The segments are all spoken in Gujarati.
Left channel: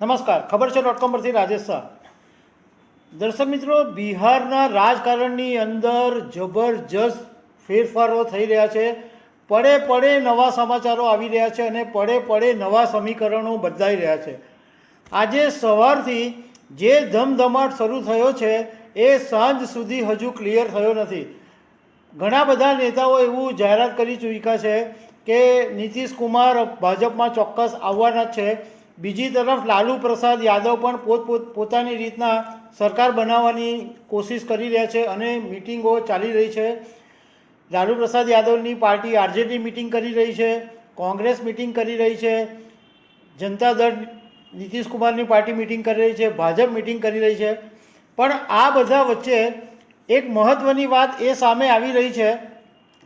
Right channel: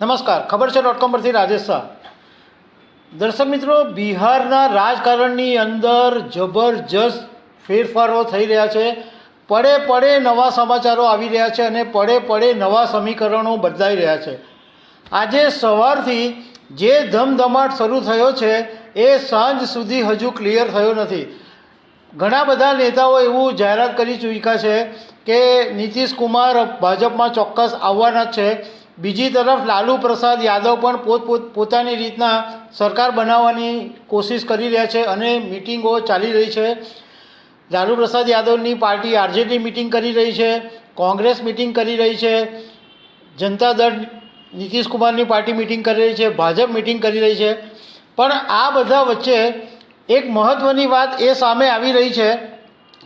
નમસ્કાર. ખબર છે ડોટ કોમ પરથી રાજેશ શાહ. દર્શક મિત્રો, બિહારના રાજકારણની અંદર જબરજસ્ત ફેરફારો થઈ રહ્યા છે. પડે પડે નવા સમાચારો આવી રહ્યા છે અને પડે પડે નવા સમીકરણો બદલાઈ રહ્યા છે. આજે સવારથી જે ધમધમાટ શરૂ થયો છે, એ સાંજ સુધી હજુ ક્લિયર થયો નથી. ઘણા બધા નેતાઓ એવું જાહેરાત કરી ચૂક્યા છે કે નીતિશ કુમાર ભાજપમાં ચોક્કસ આવવાના જ છે. બીજી તરફ લાલુ પ્રસાદ યાદવ પણ પોત પોત, પોતાની રીતના સરકાર બનાવવાની કોશિશ કરી રહ્યા છે અને મિટિંગો ચાલી રહી છે. Lalu Prasad યાદવની party RJD meeting કરી રહી છે, કોંગ્રેસ મિટિંગ કરી રહી છે, જનતા દળ નીતિશ કુમારની પાર્ટી મિટિંગ કરી રહી છે, ભાજપ મિટિંગ કરી રહી છે. પણ આ બધા વચ્ચે એક મહત્ત્વની વાત એ સામે આવી રહી છે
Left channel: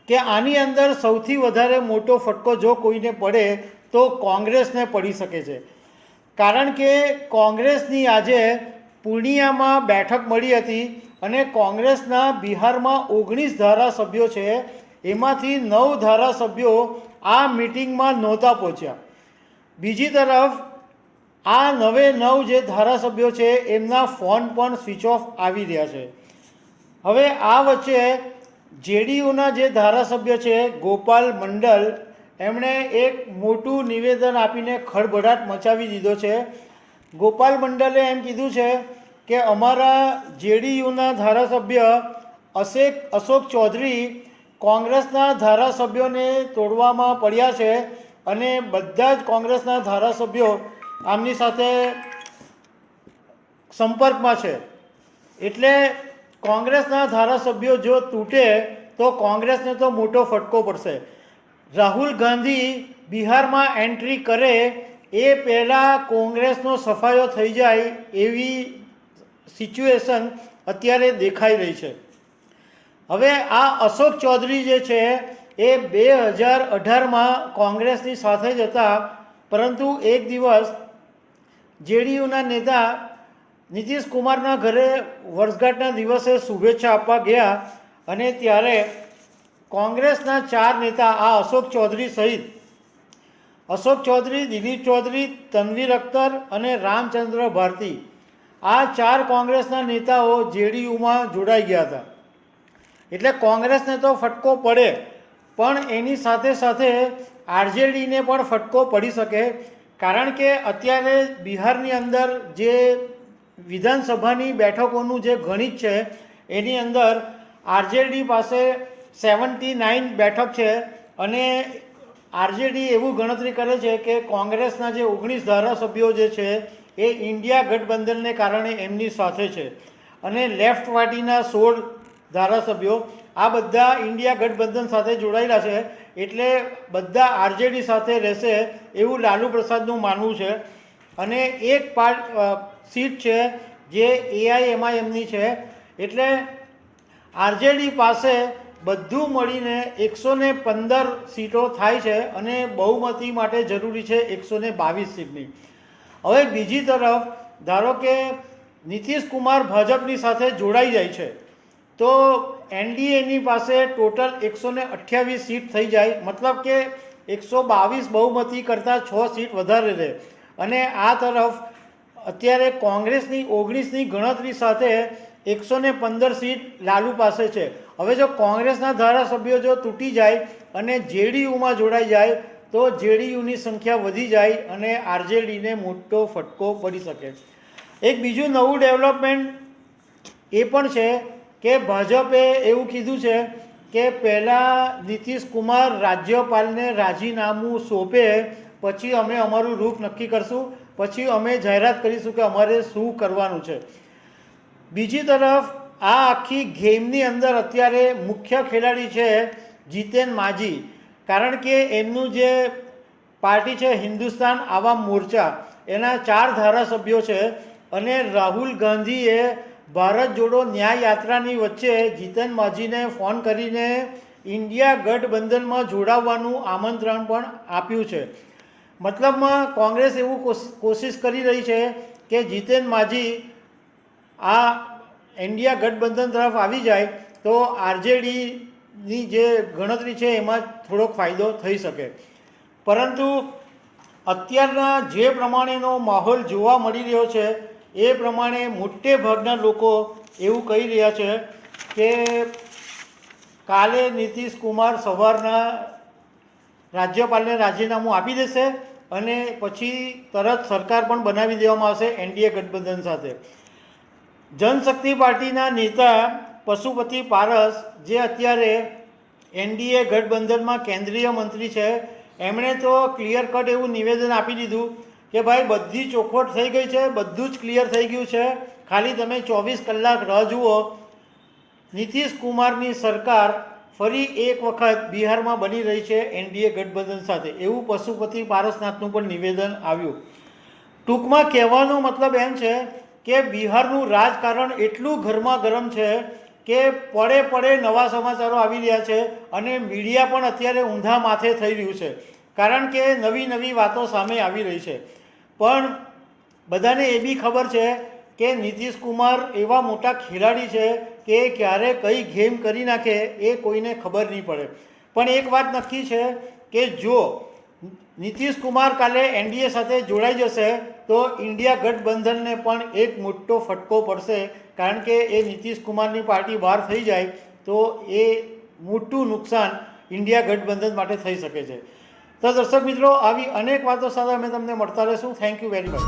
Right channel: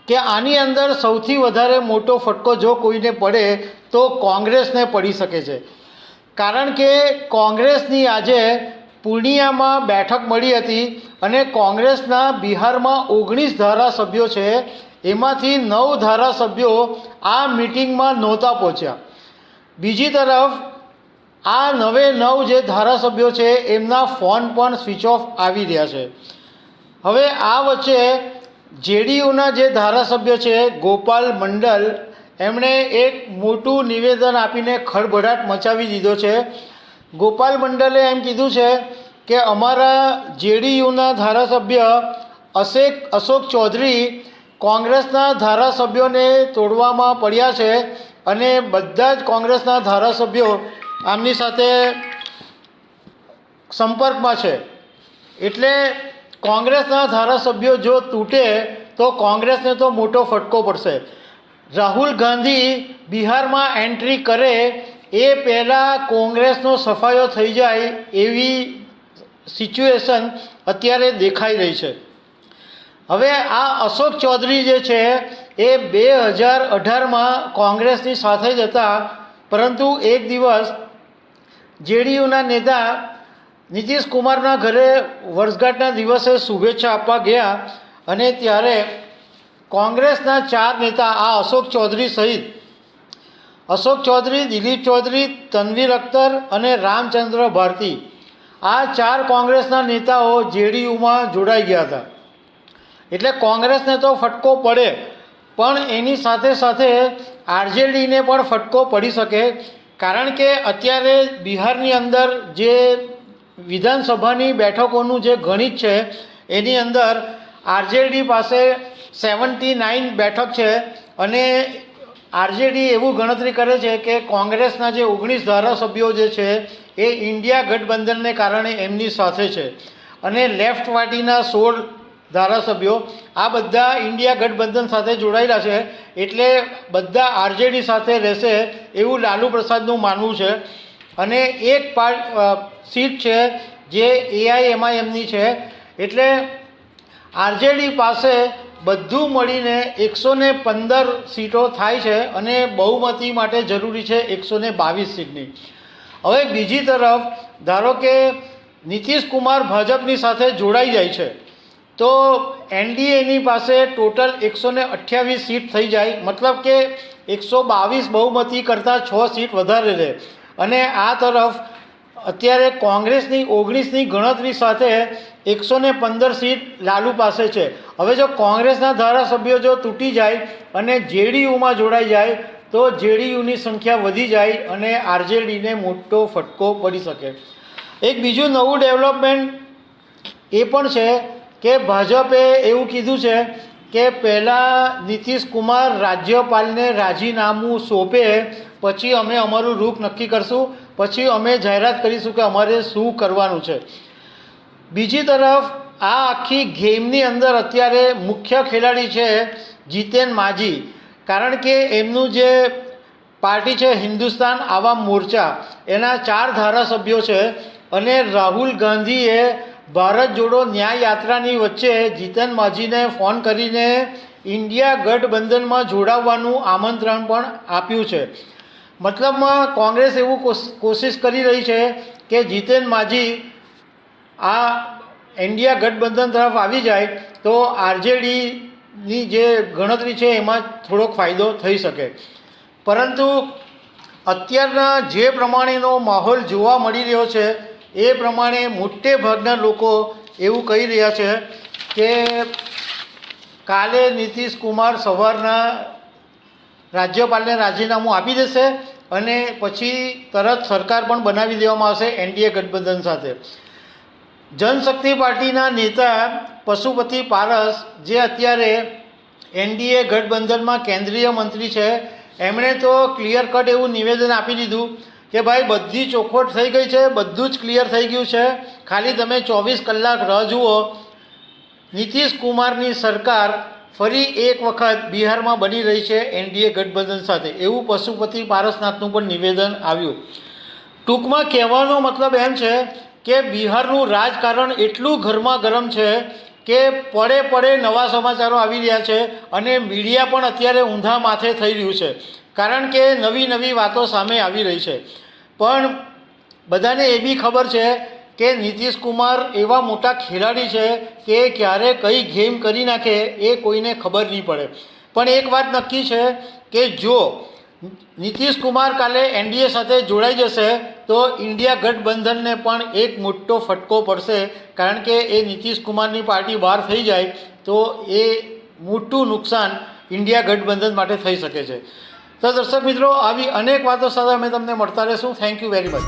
કે આની અંદર સૌથી વધારે મોટો ફટકો જો કોઈને પડે તો કોંગ્રેસને પડી શકે છે. કારણ કે કોંગ્રેસની આજે પૂર્ણિયામાં બેઠક મળી હતી અને કોંગ્રેસના બિહારમાં ઓગણીસ ધારાસભ્યો છે, એમાંથી નવ ધારાસભ્યો આ મિટિંગમાં નહોતા પહોંચ્યા. બીજી તરફ, આ નવે નવ જે ધારાસભ્યો છે, એમના ફોન પણ સ્વિચ ઓફ આવી રહ્યા છે. હવે આ વચ્ચે જેડીયુના જે ધારાસભ્ય છે, ગોપાલ મંડલ એમણે એક મોટું નિવેદન આપીને ખળભળાટ મચાવી દીધો છે. ગોપાલ મંડલે એમ કીધું છે કે અમારા જેડીયુના ધારાસભ્ય અશેક, અશોક ચૌધરી કોંગ્રેસના ધારાસભ્યોને તોડવામાં પડ્યા છે અને બધા જ કોંગ્રેસના ધારાસભ્યો આમની સાથે સંપર્કમાં છે. એટલે કોંગ્રેસના ધારાસભ્યો જો તૂટે તો કોંગ્રેસને તો મોટો ફટકો પડશે. રાહુલ ગાંધી બિહારમાં એન્ટ્રી કરે, એ પહેલાં કોંગ્રેસનો સફાયો થઈ જાય એવી સિચ્યુએશન અત્યારે દેખાઈ રહી છે. હવે આ અશોક ચૌધરી જે છે, એ બે હજાર અઢારમાં કોંગ્રેસની સાથે જ હતા, પરંતુ એક દિવસ જેડીયુના નેતા નીતિશ કુમારના ઘરે વર્ષગાંઠના દિવસે શુભેચ્છા આપવા ગયા અને ત્યારે કોંગ્રેસના ચાર નેતા આ અશોક ચૌધરી સહિત અશોક ચૌધરી, દિલીપ ચૌધરી, તનવીર અખ્તર અને રામચંદ્ર ભારતી આ ચાર કોંગ્રેસના નેતાઓ જેડીયુમાં જોડાઈ ગયા હતા. એટલે કોંગ્રેસને તો ફટકો પડે, પણ એની સાથે સાથે આરજેડીને પણ ફટકો પડી શકે, કારણ કે અત્યારે બિહારની અંદર જે વિધાનસભાની બેઠકોનું જે ગણિત છે, એની અંદર આરજેડી પાસે સેવન્ટી નાઇન બેઠક છે અને આરજેડી એવું ગણતરી કરે છે કે કોંગ્રેસના જે ઓગણીસ ધારાસભ્યો જે છે એ ઇન્ડિયા ગઠબંધનને કારણે એમની સાથે છે. અને લેફ્ટ પાર્ટીના સોળ ધારાસભ્યો આ બધા ઇન્ડિયા ગઠબંધન સાથે જોડાયેલા છે એટલે બધા આરજેડી સાથે રહેશે એવું લાલુ પ્રસાદનું માનવું છે. અને એક પાર્ટ સીટ છે જે એઆઈએમઆઈએમની છે. એટલે આરજેડી પાસે બધું મળીને એકસો ને પંદર સીટો થાય છે અને બહુમતી માટે જરૂરી છે એકસો ને બાવીસ સીટની. હવે બીજી તરફ, ધારો કે નીતિશ કુમાર ભાજપની સાથે જોડાઈ જાય છે, તો એનડીએની પાસે ટોટલ એકસો ને અઠ્યાવીસ સીટ થઈ જાય. મતલબ કે એકસો બાવીસ બહુમતી કરતાં છ સીટ વધારે રહે. અને આ તરફ અત્યારે કોંગ્રેસની ઓગણીસની ગણતરી સાથે એકસો ને પંદર સીટ લાલુ પાસે છે. હવે જો કોંગ્રેસના ધારાસભ્યો જો તૂટી જાય અને જેડીયુમાં જોડાઈ જાય, તો જેડીયુની સંખ્યા વધી જાય અને આરજેડીને મોટો ફટકો પડી શકે. એક બીજું નવું ડેવલપમેન્ટ એ પણ છે કે ભાજપે એવું કીધું છે કે પહેલાં નીતિશ કુમાર રાજ્યપાલને રાજીનામું સોંપે, પછી અમે અમારું રૂપ નક્કી કરશું, પછી અમે જાહેરાત કરીશું કે અમારે શું કરવાનું છે. બીજી તરફ, આ આખી ગેમની અંદર અત્યારે મુખ્ય ખેલાડી છે જીતેન માજી. કારણ કે એમનું જે પાર્ટી છે હિન્દુસ્તાન આવામ મોરચા, એના ચાર ધારાસભ્યો છે અને રાહુલ ગાંધીએ ભારત જોડો ન્યાય યાત્રાની વચ્ચે જીતન માઝીને ફોન કરીને ઇન્ડિયા ગઠબંધનમાં જોડાવવાનું આમંત્રણ પણ આપ્યું છે. મતલબમાં કોંગ્રેસ એવું કોશ- કોશિશ કરી રહી છે કે જીતેન માઝી આ ઇન્ડિયા ગઠબંધન તરફ આવી જાય તો આરજેડીની જે ગણતરી છે એમાં થોડોક ફાયદો થઈ શકે. પરંતુ અત્યારના જે પ્રમાણેનો માહોલ જોવા મળી રહ્યો છે, એ પ્રમાણે મોટે ભાગના લોકો એવું કહી રહ્યા છે કે કાલે નીતિશ કુમાર સવારના રાજ્યપાલને રાજીનામું આપી દેશે અને પછી તરત સરકાર પણ બનાવી દેવામાં આવશે એનડીએ ગઠબંધન સાથે. જનશક્તિ પાર્ટીના નેતા પશુપતિ પારસ, જે અત્યારે એનડીએ ગઠબંધનમાં કેન્દ્રીય મંત્રી છે, એમણે તો ક્લિયર કટ એવું નિવેદન આપી દીધું કે ભાઈ બધી ચોખવટ થઈ ગઈ છે, બધું જ ક્લિયર થઈ ગયું છે. ખાલી તમે ચોવીસ કલાક રાહ જુઓ. નીતિશ કુમારની સરકાર ફરી એક વખત બિહારમાં બની રહી છે એનડીએ ગઠબંધન સાથે. એવું પશુપતિ પારસનાથનું પણ નિવેદન આવ્યું. ટૂંકમાં કહેવાનો મતલબ એમ છે કે બિહારનું રાજકારણ એટલું ગરમા ગરમ છે કે પડે પડે નવા સમાચારો આવી રહ્યા છે અને મીડિયા પણ અત્યારે ઊંધા માથે થઈ રહ્યું છે. કારણ કે નવી નવી વાતો સામે આવી રહી છે. પણ બધાને એ બી ખબર છે કે નીતિશ કુમાર એવા મોટા ખેલાડી છે કે ક્યારે કઈ ગેમ કરી નાખે એ કોઈને ખબર નહીં પડે. પણ એક વાત નક્કી છે કે જો નીતિશ કુમાર કાલે એનડીએ સાથે જોડાઈ જશે તો ઇન્ડિયા ગઠબંધનને પણ એક મોટો ફટકો પડશે. કારણ કે એ નીતિશ કુમારની પાર્ટી બહાર થઈ જાય તો એ મોટું નુકસાન ઇન્ડિયા ગઠબંધન માટે થઈ શકે છે. તો દર્શક મિત્રો, આવી અનેક વાતો સાથે અમે તમને મળતા રહેશું. Thank you very much